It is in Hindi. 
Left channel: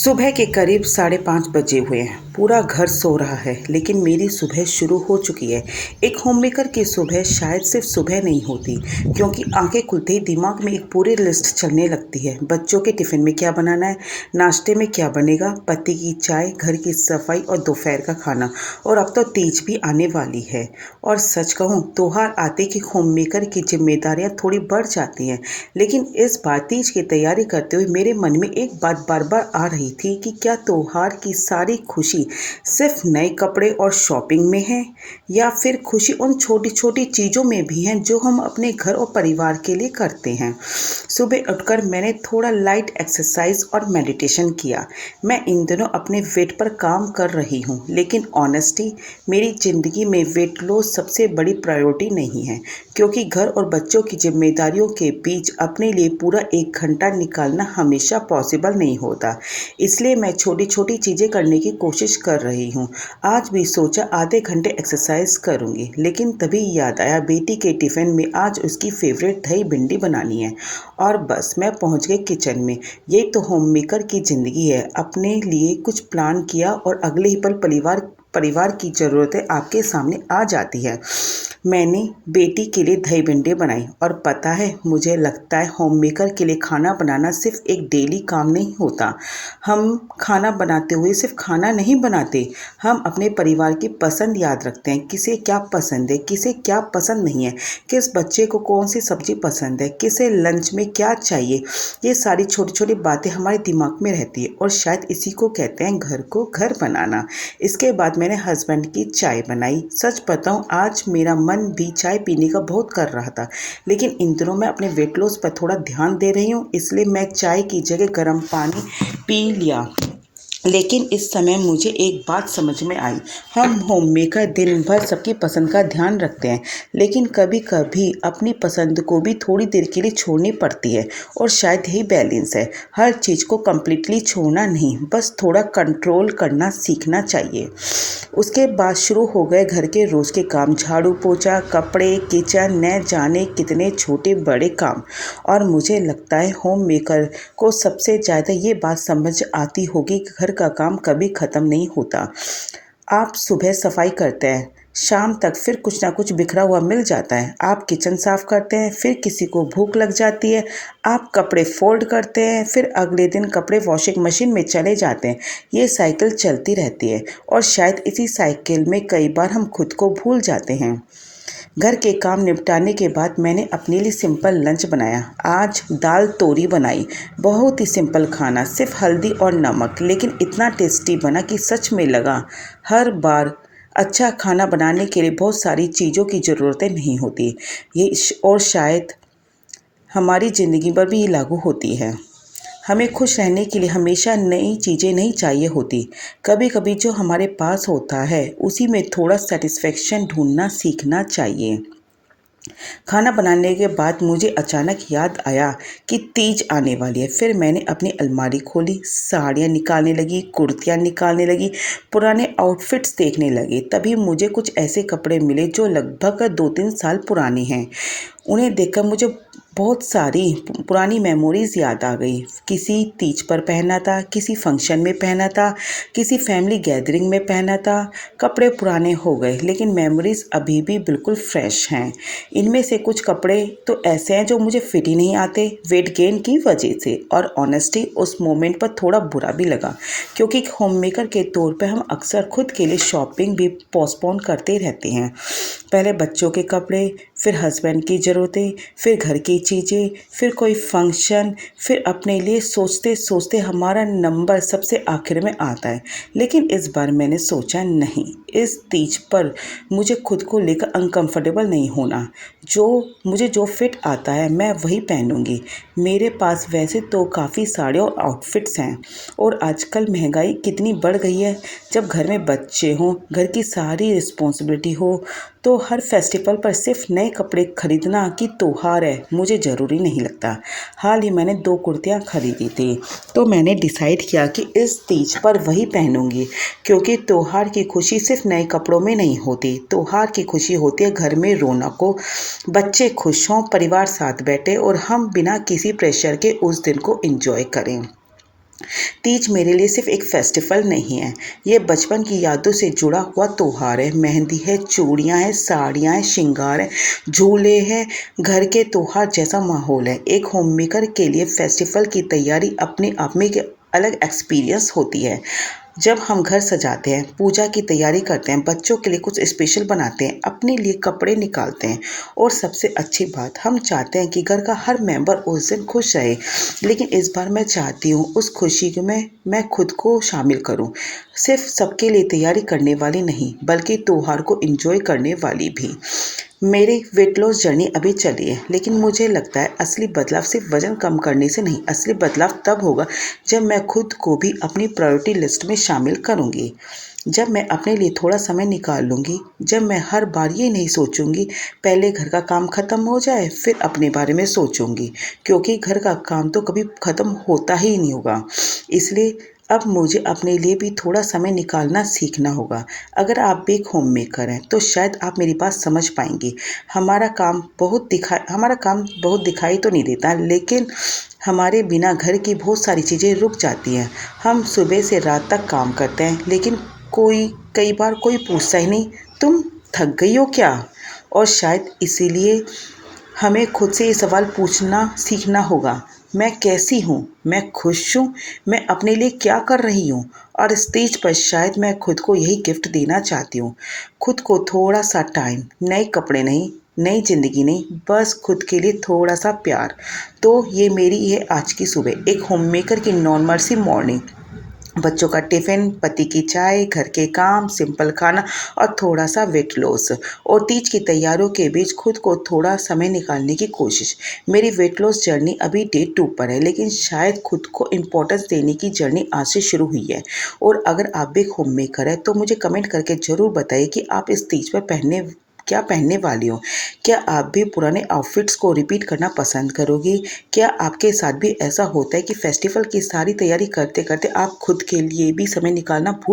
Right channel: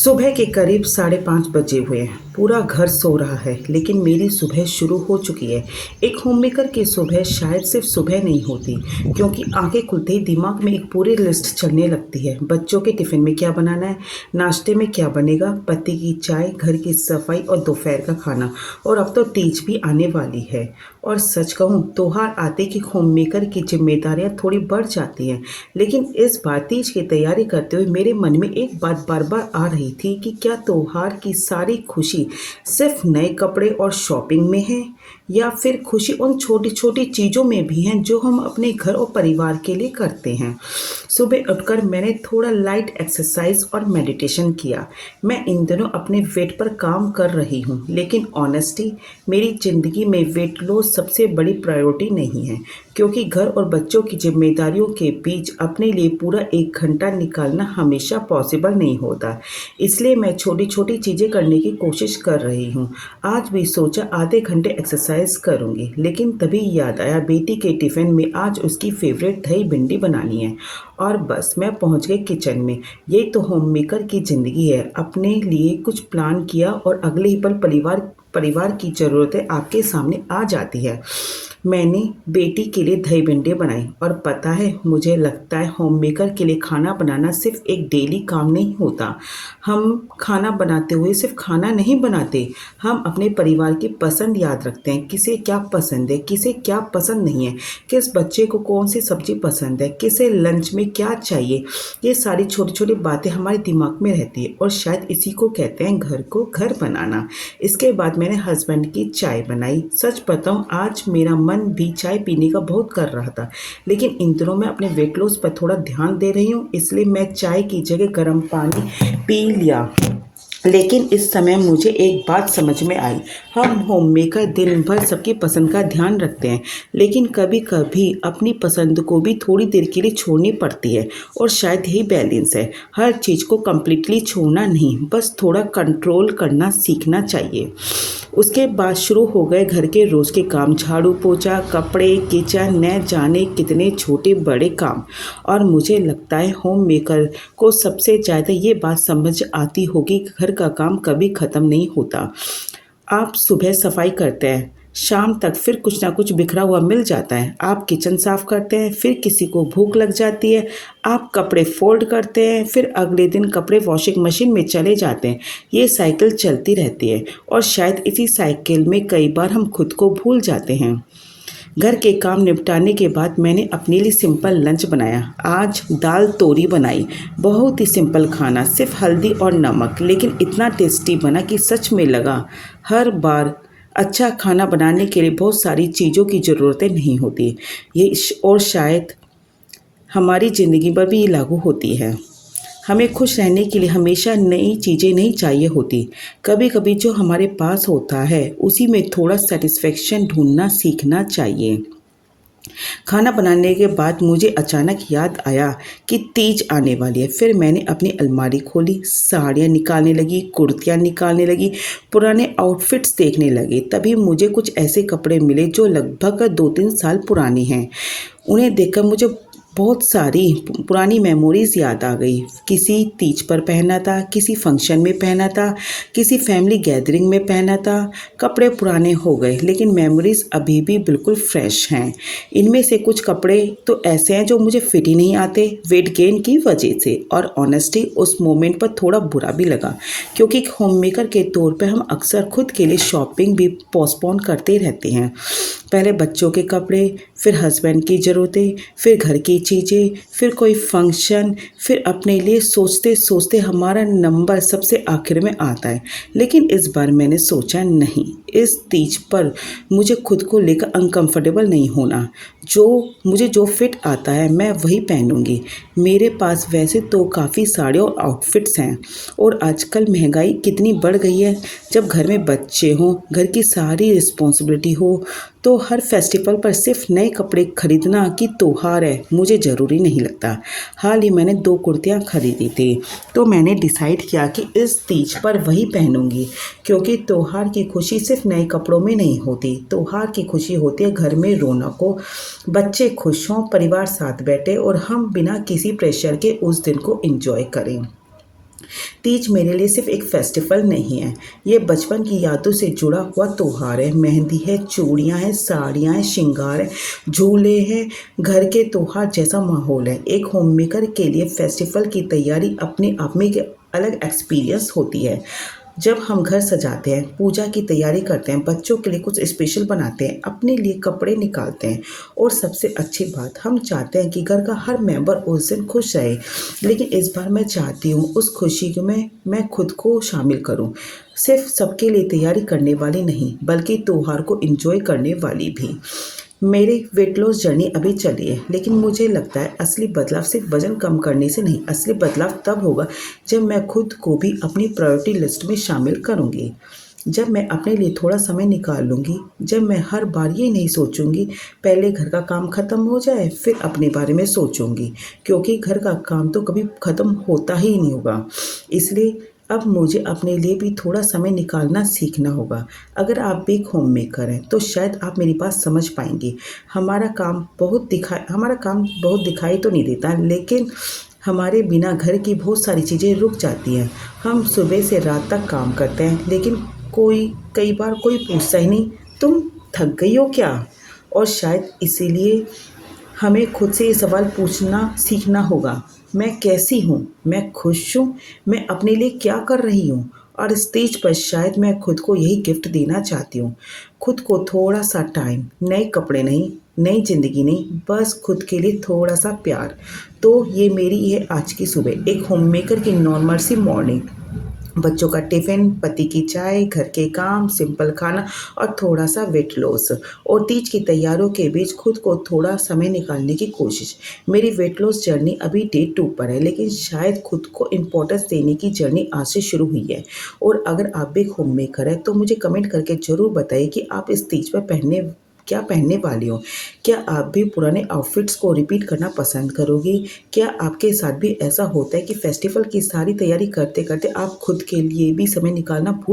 सुबह के करीब 5:30 बजे हुए हैं। पूरा घर सो रहा है, लेकिन मेरी सुबह शुरू हो चुकी है। एक होममेकर की सुबह शायद सिर्फ सुबह नहीं होती, क्योंकि आंखें खुलते ही दिमाग में एक पूरी लिस्ट चलने लगती है। बच्चों के टिफ़िन में क्या बनाना है, नाश्ते में क्या बनेगा, पति की चाय, घर की सफाई और दोपहर का खाना। और अब तो तीज भी आने वाली है। और सच कहूँ, त्योहार आते कि होममेकर की जिम्मेदारियाँ थोड़ी बढ़ जाती हैं। लेकिन इस बार तीज की तैयारी करते हुए मेरे मन में एक बात बार बार आ रही थी कि क्या त्योहार की सारी खुशी सिर्फ नए कपड़े और शॉपिंग में है, या फिर खुशी उन छोटी छोटी चीज़ों में भी है जो हम अपने घर और परिवार के लिए करते हैं। सुबह उठकर मैंने थोड़ा लाइट एक्सरसाइज और मेडिटेशन किया। मैं इन दिनों अपने वेट पर काम कर रही हूँ, लेकिन ऑनेस्टी, मेरी ज़िंदगी में वेट लॉस सबसे बड़ी प्रायोरिटी नहीं है, क्योंकि घर और बच्चों की जिम्मेदारियों के बीच अपने लिए पूरा 1 घंटा निकालना हमेशा पॉसिबल नहीं होता। इसलिए मैं छोटी छोटी चीज़ें करने की कोशिश कर रही हूँ। आज भी सोचा आधे घंटे एक्सरसाइज करूँगी, लेकिन तभी याद आया बेटी के टिफ़िन में आज उसकी फेवरेट दही भिंडी बनानी है। और बस मैं पहुँच गई किचन में। यही तो होममेकर की ज़िंदगी है। अपने लिए कुछ प्लान किया और अगले ही पल परिवार की ज़रूरतें आपके सामने आ जाती है। मैंने बेटी के लिए दही भिंडी बनाई, और पता है, मुझे लगता है होममेकर के लिए खाना बनाना सिर्फ एक डेली काम नहीं होता। हम खाना बनाते हुए सिर्फ खाना नहीं बनाते, हम अपने परिवार की पसंद याद रखते हैं। किसे क्या पसंद है, किसे क्या पसंद नहीं है, किस बच्चे को कौन सी सब्जी पसंद है, किसे लंच में क्या चाहिए। ये सारी छोटी छोटी बातें हमारे दिमाग में रहती है, और शायद इसी को कहते हैं घर को घर बनाना। इसके बाद मैंने हस्बैंड की चाय बनाई। सच बताऊं, आज मेरा मन भी चाय पीने का बहुत कर रहा था, लेकिन इन दिनों मैं अपने वेट लॉस पर थोड़ा ध्यान दे रही हूँ, इसलिए मैं चाय की जगह गर्म पानी पी लिया। लेकिन इस समय मुझे एक बात समझ में आई। हम होममेकर दिन भर सबकी पसंद का ध्यान रखते हैं, लेकिन कभी कभी अपनी पसंद को भी थोड़ी देर के लिए छोड़नी पड़ती है। और शायद यही बैलेंस है। हर चीज़ को कम्प्लीटली छोड़ना नहीं, बस थोड़ा कंट्रोल करना सीखना चाहिए। उसके बाद शुरू हो गए घर के रोज़ के काम, झाड़ू पोछा, कपड़े, किचन, न जाने कितने छोटे बड़े काम। और मुझे लगता है होम मेकर को सबसे ज़्यादा ये बात समझ आती होगी कि घर का काम कभी ख़त्म नहीं होता। आप सुबह सफाई करते हैं, शाम तक फिर कुछ ना कुछ बिखरा हुआ मिल जाता है। आप किचन साफ़ करते हैं, फिर किसी को भूख लग जाती है। आप कपड़े फोल्ड करते हैं, फिर अगले दिन कपड़े वॉशिंग मशीन में चले जाते हैं। ये साइकिल चलती रहती है, और शायद इसी साइकिल में कई बार हम खुद को भूल जाते हैं। घर के काम निपटाने के बाद मैंने अपने लिए सिंपल लंच बनाया। आज दाल तोरी बनाई। बहुत ही सिंपल खाना, सिर्फ हल्दी और नमक, लेकिन इतना टेस्टी बना कि सच में लगा हर बार अच्छा खाना बनाने के लिए बहुत सारी चीज़ों की ज़रूरतें नहीं होती। और शायद हमारी ज़िंदगी पर भी ये लागू होती है। हमें खुश रहने के लिए हमेशा नई चीज़ें नहीं चाहिए होती। कभी कभी जो हमारे पास होता है उसी में थोड़ा सेटिस्फेक्शन ढूंढना सीखना चाहिए। खाना बनाने के बाद मुझे अचानक याद आया कि तीज आने वाली है। फिर मैंने अपनी अलमारी खोली, साड़ियाँ निकालने लगी, कुर्तियाँ निकालने लगी, पुराने आउटफिट्स देखने लगी। तभी मुझे कुछ ऐसे कपड़े मिले जो लगभग 2-3 साल पुरानी हैं। उन्हें देखकर मुझे बहुत सारी पुरानी मेमोरीज़ याद आ गई। किसी तीज पर पहना था, किसी फंक्शन में पहना था, किसी फैमिली गैदरिंग में पहना था। कपड़े पुराने हो गए, लेकिन मेमोरीज़ अभी भी बिल्कुल फ्रेश हैं। इनमें से कुछ कपड़े तो ऐसे हैं जो मुझे फिट ही नहीं आते, वेट गेन की वजह से। और ऑनेस्टली उस मोमेंट पर थोड़ा बुरा भी लगा, क्योंकि एक होममेकर के तौर पे हम अक्सर खुद के लिए शॉपिंग भी पोस्टपोन करते रहते हैं। पहले बच्चों के कपड़े, फिर हस्बैंड की ज़रूरतें, फिर घर की चीज़ें, फिर कोई फंक्शन, फिर अपने लिए सोचते सोचते हमारा नंबर सबसे आखिर में आता है। लेकिन इस बार मैंने सोचा, नहीं, इस तीज पर मुझे खुद को लेकर अनकंफर्टेबल नहीं होना। मुझे जो फिट आता है मैं वही पहनूंगी। मेरे पास वैसे तो काफ़ी साड़े और आउटफिट्स हैं, और आजकल महंगाई कितनी बढ़ गई है। जब घर में बच्चे हों, घर की सारी रिस्पॉन्सिबिलिटी हो, तो हर फेस्टिवल पर सिर्फ नए कपड़े खरीदना कि त्योहार है, मुझे ज़रूरी नहीं लगता। हाल ही मैंने 2 कुर्तियाँ खरीदी थी, तो मैंने डिसाइड किया कि इस तीज पर वही पहनूंगी, क्योंकि त्योहार की खुशी सिर्फ नए कपड़ों में नहीं होती। त्योहार की खुशी होती है घर में रौनक हो, बच्चे खुश हों, परिवार साथ बैठे, और हम बिना किसी प्रेशर के उस दिन को एंजॉय करें। तीज मेरे लिए सिर्फ एक फेस्टिवल नहीं है, ये बचपन की यादों से जुड़ा हुआ त्योहार है। मेहंदी है, चूड़ियाँ हैं, साड़ियाँ हैं, श्रृंगार है, झूले हैं, घर के त्योहार जैसा माहौल है। एक होममेकर के लिए फेस्टिवल की तैयारी अपने आप में एक अलग एक्सपीरियंस होती है। जब हम घर सजाते हैं, पूजा की तैयारी करते हैं, बच्चों के लिए कुछ स्पेशल बनाते हैं, अपने लिए कपड़े निकालते हैं और सबसे अच्छी बात, हम चाहते हैं कि घर का हर मेंबर उस दिन खुश रहे। लेकिन इस बार मैं चाहती हूँ उस खुशी में मैं खुद को शामिल करूँ। सिर्फ सबके लिए तैयारी करने वाली नहीं, बल्कि त्योहार को एंजॉय करने वाली भी। मेरी वेट लॉस जर्नी अभी चली है, लेकिन मुझे लगता है असली बदलाव सिर्फ वज़न कम करने से नहीं, असली बदलाव तब होगा जब मैं खुद को भी अपनी प्रायोरिटी लिस्ट में शामिल करूँगी। जब मैं अपने लिए थोड़ा समय निकाल लूँगी, जब मैं हर बार ये नहीं सोचूँगी पहले घर का काम ख़त्म हो जाए फिर अपने बारे में सोचूँगी, क्योंकि घर का काम तो कभी ख़त्म होता ही नहीं होगा। इसलिए अब मुझे अपने लिए भी थोड़ा समय निकालना सीखना होगा। अगर आप भी एक होममेकर हैं तो शायद आप मेरी बात समझ पाएंगे। हमारा काम बहुत दिखाई तो नहीं देता, लेकिन हमारे बिना घर की बहुत सारी चीज़ें रुक जाती हैं। हम सुबह से रात तक काम करते हैं, लेकिन कई बार कोई पूछता ही नहीं, तुम थक गई हो क्या? और शायद इसीलिए हमें खुद से ये सवाल पूछना सीखना होगा, मैं कैसी हूँ, मैं खुश हूँ, मैं अपने लिए क्या कर रही हूँ। और स्टेज पर शायद मैं खुद को यही गिफ्ट देना चाहती हूँ, खुद को थोड़ा सा टाइम, नए कपड़े नहीं, नई ज़िंदगी नहीं, बस खुद के लिए थोड़ा सा प्यार। तो ये मेरी है आज की सुबह, एक होममेकर की नॉर्मल सी मॉर्निंग। बच्चों का टिफ़िन, पति की चाय, घर के काम, सिंपल खाना और थोड़ा सा वेट लॉस और तीज की तैयारियों के बीच खुद को थोड़ा समय निकालने की कोशिश। मेरी वेट लॉस जर्नी अभी डे 2 पर है, लेकिन शायद खुद को इम्पोर्टेंस देने की जर्नी आज से शुरू हुई है। और अगर आप भी एक होममेकर हैं तो मुझे कमेंट करके ज़रूर बताइए कि आप इस तीज पर क्या पहनने वाली हो। क्या आप भी पुराने आउटफिट्स को रिपीट करना पसंद करोगी? क्या आपके साथ भी ऐसा होता है कि फेस्टिवल की सारी तैयारी करते करते आप खुद के लिए भी समय निकालना भूल